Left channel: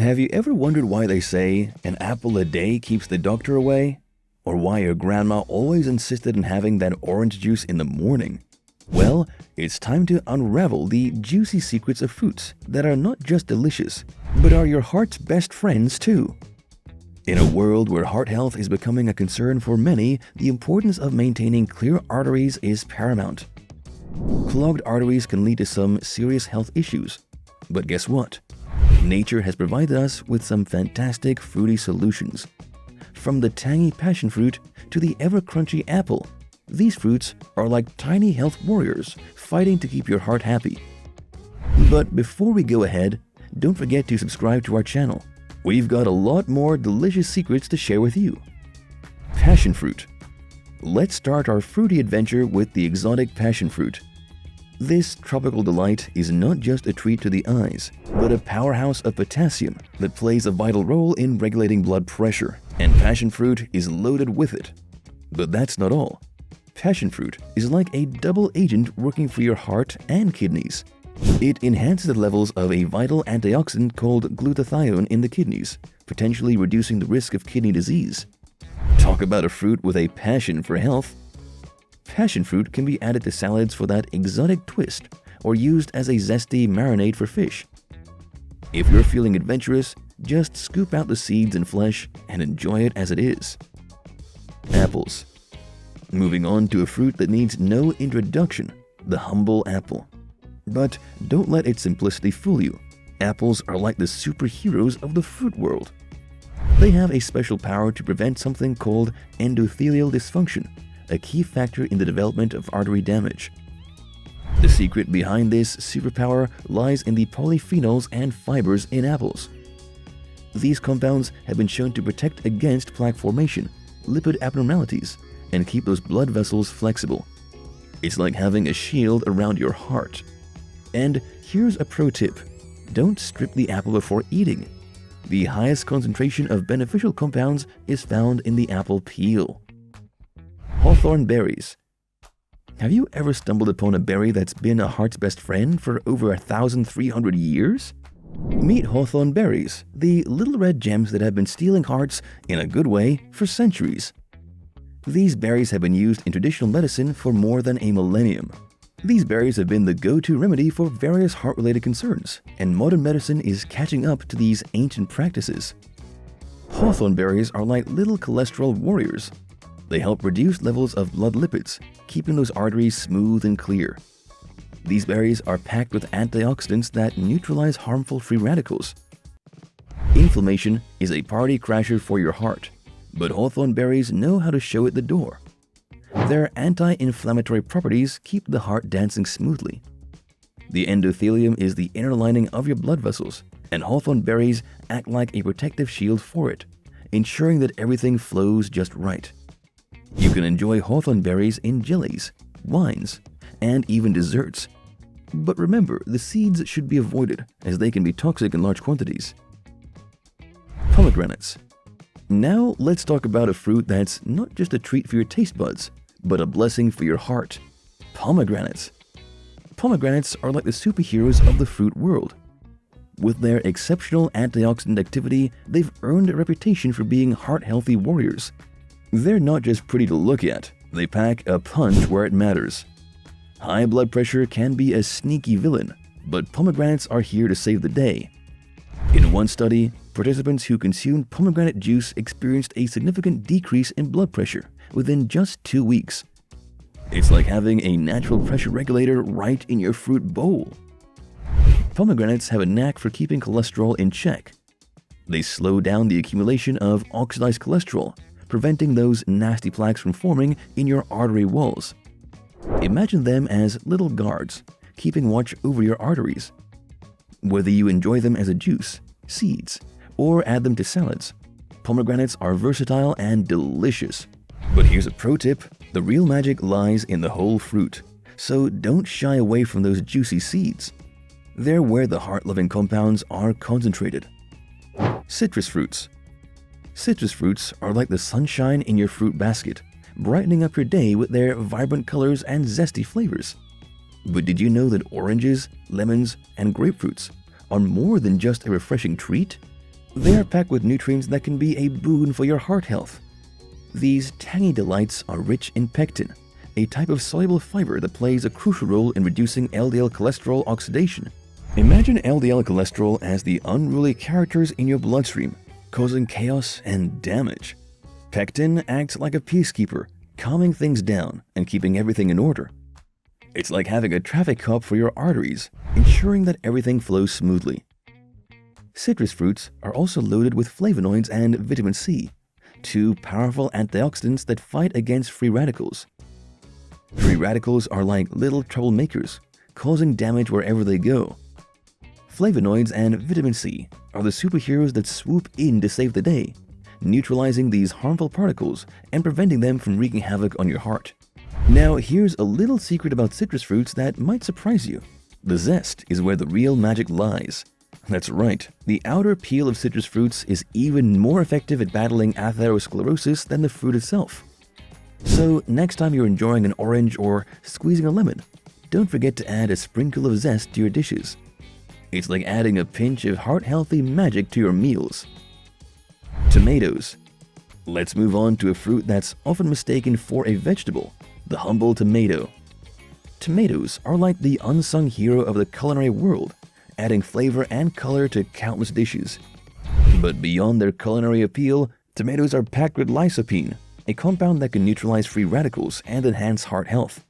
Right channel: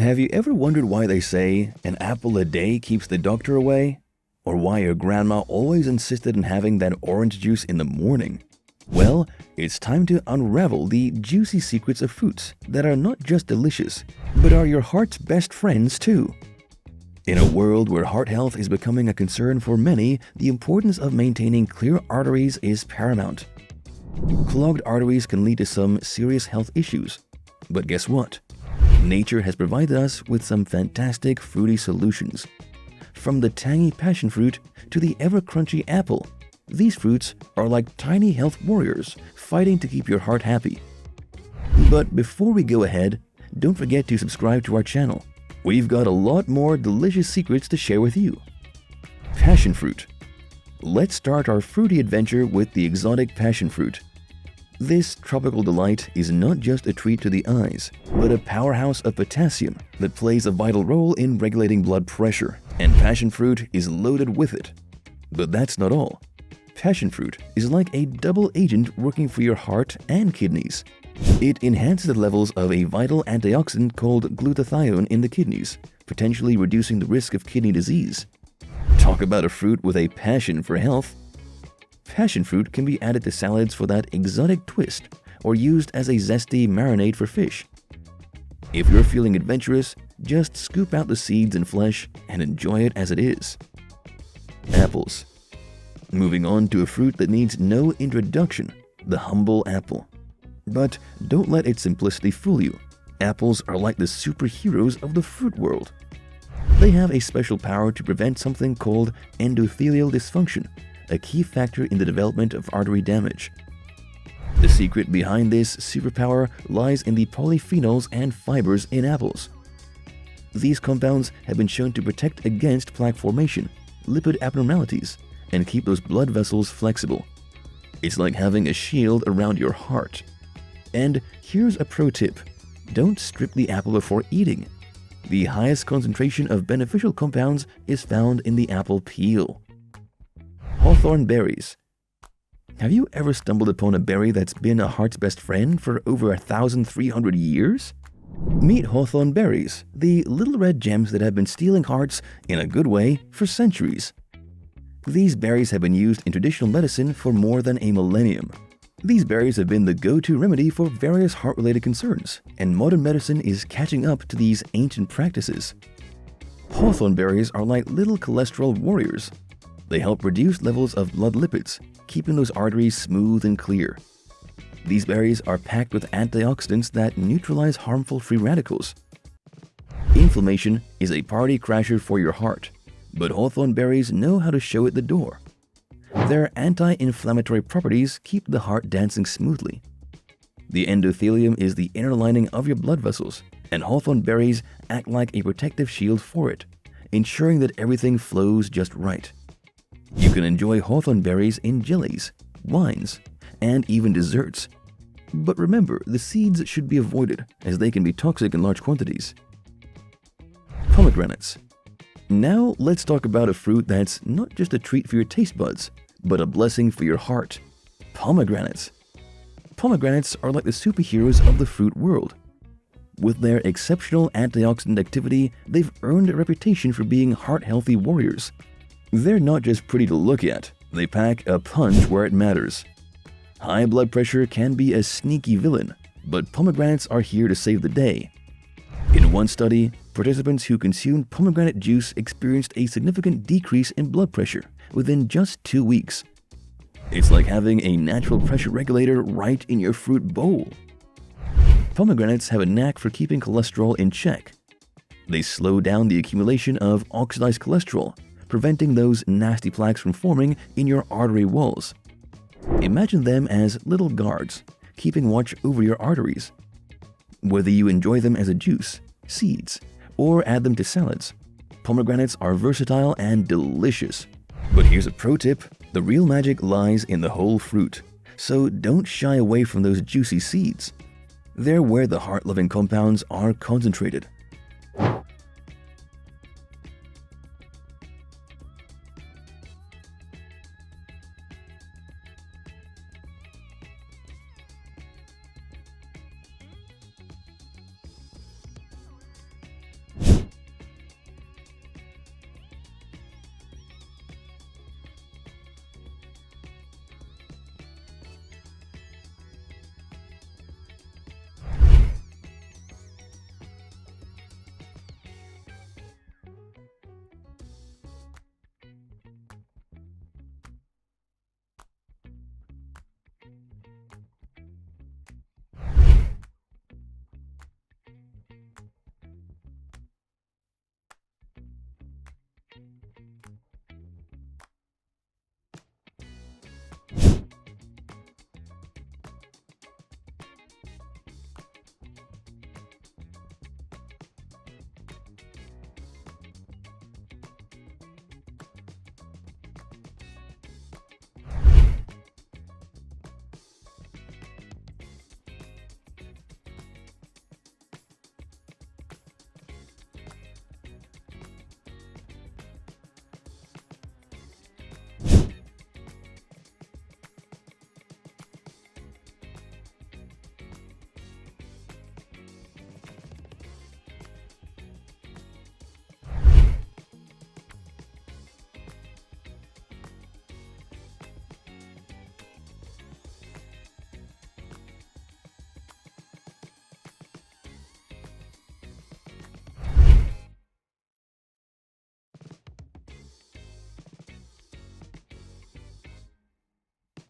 Have you ever wondered why they say an apple a day keeps the doctor away? Or why your grandma always insisted on having that orange juice in the morning? Well, it's time to unravel the juicy secrets of fruits that are not just delicious, but are your heart's best friends too. In a world where heart health is becoming a concern for many, the importance of maintaining clear arteries is paramount. Clogged arteries can lead to some serious health issues. But guess what? Nature has provided us with some fantastic fruity solutions. From the tangy passionfruit to the ever-crunchy apple, these fruits are like tiny health warriors fighting to keep your heart happy. But before we go ahead, don't forget to subscribe to our channel. We've got a lot more delicious secrets to share with you. Passionfruit. Let's start our fruity adventure with the exotic passionfruit. This tropical delight is not just a treat to the eyes, but a powerhouse of potassium that plays a vital role in regulating blood pressure, and passionfruit is loaded with it. But that's not all. Passionfruit is like a double agent working for your heart and kidneys. It enhances the levels of a vital antioxidant called glutathione in the kidneys, potentially reducing the risk of kidney disease. Talk about a fruit with a passion for health. Passionfruit can be added to salads for that exotic twist, or used as a zesty marinade for fish. If you're feeling adventurous, just scoop out the seeds and flesh and enjoy it as it is. Apples. Moving on to a fruit that needs no introduction, the humble apple. But don't let its simplicity fool you. Apples are like the superheroes of the fruit world. They have a special power to prevent something called endothelial dysfunction, a key factor in the development of artery damage. The secret behind this superpower lies in the polyphenols and fibers in apples. These compounds have been shown to protect against plaque formation, lipid abnormalities, and keep those blood vessels flexible. It's like having a shield around your heart. And here's a pro tip. Don't strip the apple before eating. The highest concentration of beneficial compounds is found in the apple peel. Hawthorne Berries. Have you ever stumbled upon a berry that's been a heart's best friend for over 1,300 years? Meet Hawthorne Berries, the little red gems that have been stealing hearts, in a good way, for centuries. These berries have been used in traditional medicine for more than a millennium. These berries have been the go-to remedy for various heart-related concerns, and modern medicine is catching up to these ancient practices. Hawthorne berries are like little cholesterol warriors. They help reduce levels of blood lipids, keeping those arteries smooth and clear. These berries are packed with antioxidants that neutralize harmful free radicals. Inflammation is a party crasher for your heart, but Hawthorne berries know how to show it the door. Their anti-inflammatory properties keep the heart dancing smoothly. The endothelium is the inner lining of your blood vessels, and Hawthorne berries act like a protective shield for it, ensuring that everything flows just right. You can enjoy Hawthorne berries in jellies, wines, and even desserts. But remember, the seeds should be avoided as they can be toxic in large quantities. Pomegranates. Now let's talk about a fruit that's not just a treat for your taste buds, but a blessing for your heart. Pomegranates. Pomegranates are like the superheroes of the fruit world. With their exceptional antioxidant activity, they've earned a reputation for being heart-healthy warriors. They're not just pretty to look at, they pack a punch where it matters. High blood pressure can be a sneaky villain, but pomegranates are here to save the day. In one study, participants who consumed pomegranate juice experienced a significant decrease in blood pressure within just 2 weeks. It's like having a natural pressure regulator right in your fruit bowl. Pomegranates have a knack for keeping cholesterol in check. They slow down the accumulation of oxidized cholesterol, preventing those nasty plaques from forming in your artery walls. Imagine them as little guards, keeping watch over your arteries. Whether you enjoy them as a juice, seeds, or add them to salads, pomegranates are versatile and delicious. But here's a pro tip: the real magic lies in the whole fruit, so don't shy away from those juicy seeds. They're where the heart-loving compounds are concentrated. Citrus fruits. Citrus fruits are like the sunshine in your fruit basket, brightening up your day with their vibrant colors and zesty flavors. But did you know that oranges, lemons, and grapefruits are more than just a refreshing treat? They are packed with nutrients that can be a boon for your heart health. These tangy delights are rich in pectin, a type of soluble fiber that plays a crucial role in reducing LDL cholesterol oxidation. Imagine LDL cholesterol as the unruly characters in your bloodstream, causing chaos and damage. Pectin acts like a peacekeeper, calming things down and keeping everything in order. It's like having a traffic cop for your arteries, ensuring that everything flows smoothly. Citrus fruits are also loaded with flavonoids and vitamin C, two powerful antioxidants that fight against free radicals. Free radicals are like little troublemakers, causing damage wherever they go. Flavonoids and vitamin C are the superheroes that swoop in to save the day, neutralizing these harmful particles and preventing them from wreaking havoc on your heart. Now, here's a little secret about citrus fruits that might surprise you. The zest is where the real magic lies. That's right, the outer peel of citrus fruits is even more effective at battling atherosclerosis than the fruit itself. So, next time you're enjoying an orange or squeezing a lemon, don't forget to add a sprinkle of zest to your dishes. It's like adding a pinch of heart-healthy magic to your meals. Tomatoes. Let's move on to a fruit that's often mistaken for a vegetable, the humble tomato. Tomatoes are like the unsung hero of the culinary world, adding flavor and color to countless dishes. But beyond their culinary appeal, tomatoes are packed with lycopene, a compound that can neutralize free radicals and enhance heart health.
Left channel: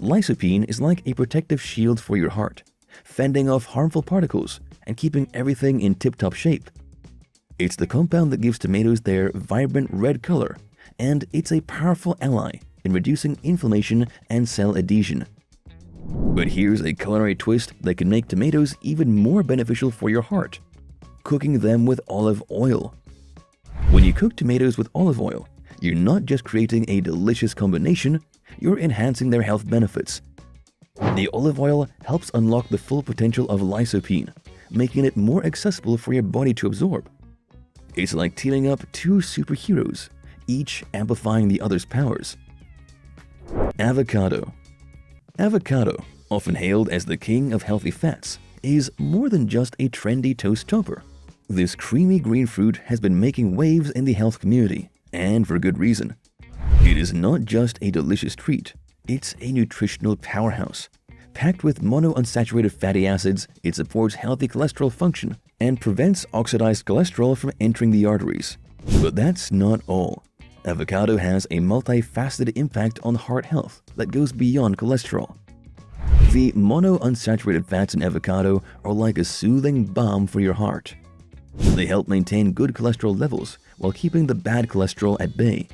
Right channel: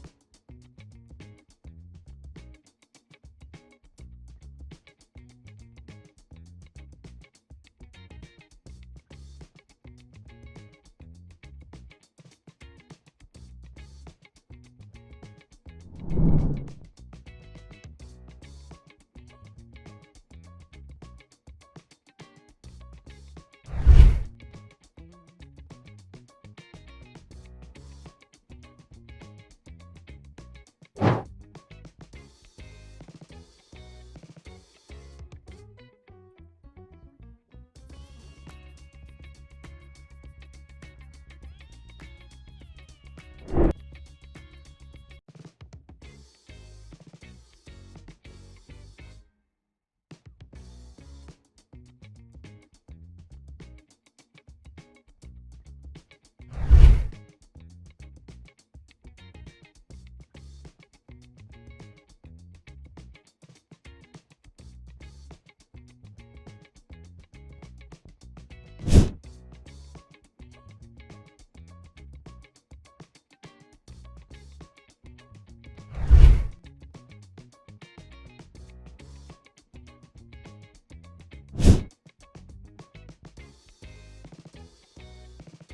Lycopene is like a protective shield for your heart, fending off harmful particles and keeping everything in tip-top shape. It's the compound that gives tomatoes their vibrant red color, and it's a powerful ally in reducing inflammation and cell adhesion. But here's a culinary twist that can make tomatoes even more beneficial for your heart: cooking them with olive oil. When you cook tomatoes with olive oil, you're not just creating a delicious combination, you're enhancing their health benefits. The olive oil helps unlock the full potential of lycopene, making it more accessible for your body to absorb. It's like teaming up two superheroes, each amplifying the other's powers. Avocado. Avocado, often hailed as the king of healthy fats, is more than just a trendy toast topper. This creamy green fruit has been making waves in the health community, and for good reason. It is not just a delicious treat, it's a nutritional powerhouse. Packed with monounsaturated fatty acids, it supports healthy cholesterol function and prevents oxidized cholesterol from entering the arteries. But that's not all. Avocado has a multifaceted impact on heart health that goes beyond cholesterol. The monounsaturated fats in avocado are like a soothing balm for your heart. They help maintain good cholesterol levels while keeping the bad cholesterol at bay.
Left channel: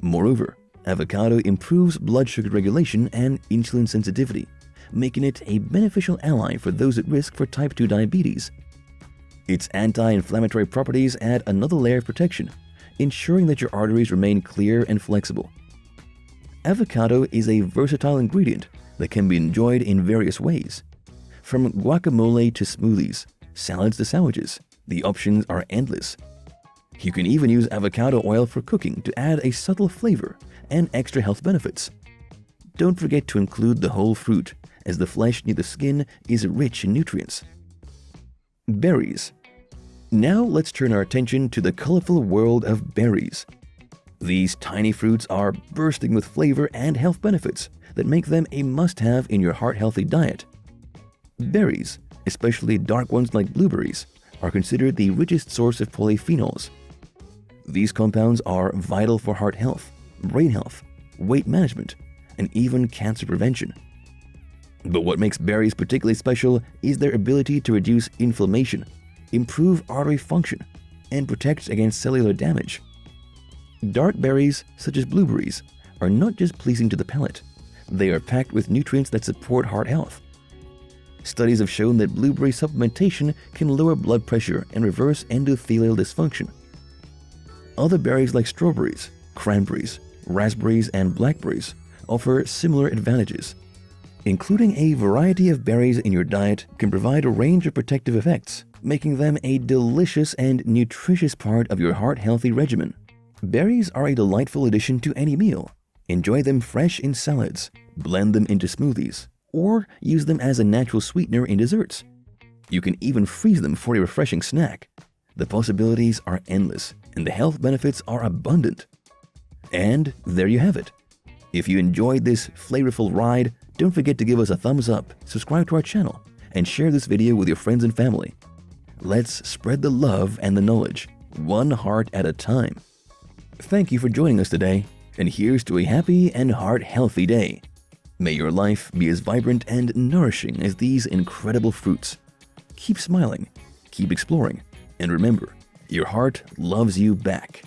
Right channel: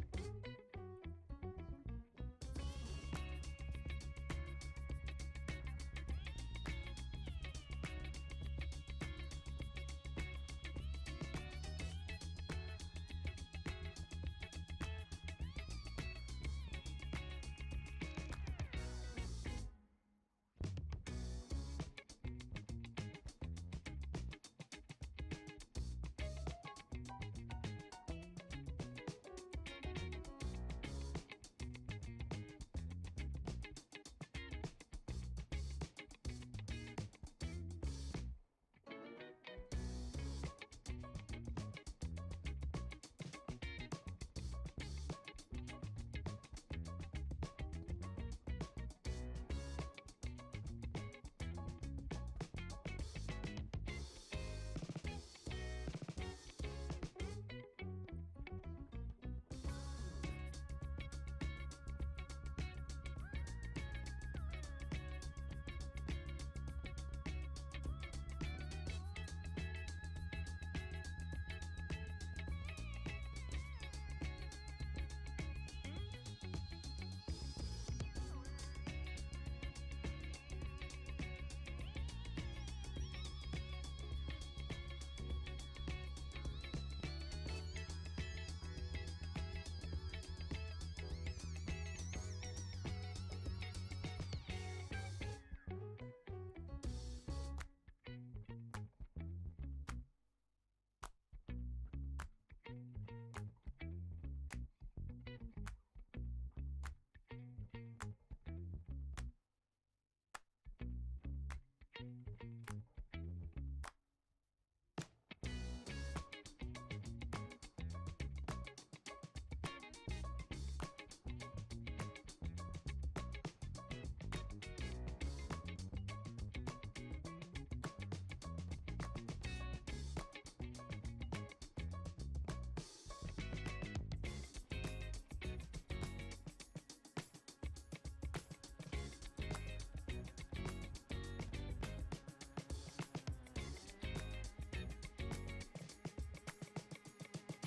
Moreover, avocado improves blood sugar regulation and insulin sensitivity, making it a beneficial ally for those at risk for type 2 diabetes. Its anti-inflammatory properties add another layer of protection, ensuring that your arteries remain clear and flexible. Avocado is a versatile ingredient that can be enjoyed in various ways. From guacamole to smoothies, salads to sandwiches, the options are endless. You can even use avocado oil for cooking to add a subtle flavor and extra health benefits. Don't forget to include the whole fruit, as the flesh near the skin is rich in nutrients. Berries. Now let's turn our attention to the colorful world of berries. These tiny fruits are bursting with flavor and health benefits that make them a must-have in your heart-healthy diet. Berries, especially dark ones like blueberries, are considered the richest source of polyphenols. These compounds are vital for heart health, brain health, weight management, and even cancer prevention. But what makes berries particularly special is their ability to reduce inflammation, improve artery function, and protect against cellular damage. Dark berries, such as blueberries, are not just pleasing to the palate. They are packed with nutrients that support heart health. Studies have shown that blueberry supplementation can lower blood pressure and reverse endothelial dysfunction. Other berries like strawberries, cranberries, raspberries, and blackberries offer similar advantages. Including a variety of berries in your diet can provide a range of protective effects, making them a delicious and nutritious part of your heart-healthy regimen. Berries are a delightful addition to any meal. Enjoy them fresh in salads, blend them into smoothies, or use them as a natural sweetener in desserts. You can even freeze them for a refreshing snack. The possibilities are endless, and the health benefits are abundant. And there you have it. If you enjoyed this flavorful ride, don't forget to give us a thumbs up, subscribe to our channel, and share this video with your friends and family. Let's spread the love and the knowledge, one heart at a time. Thank you for joining us today, and here's to a happy and heart-healthy day. May your life be as vibrant and nourishing as these incredible fruits. Keep smiling, keep exploring, and remember, your heart loves you back.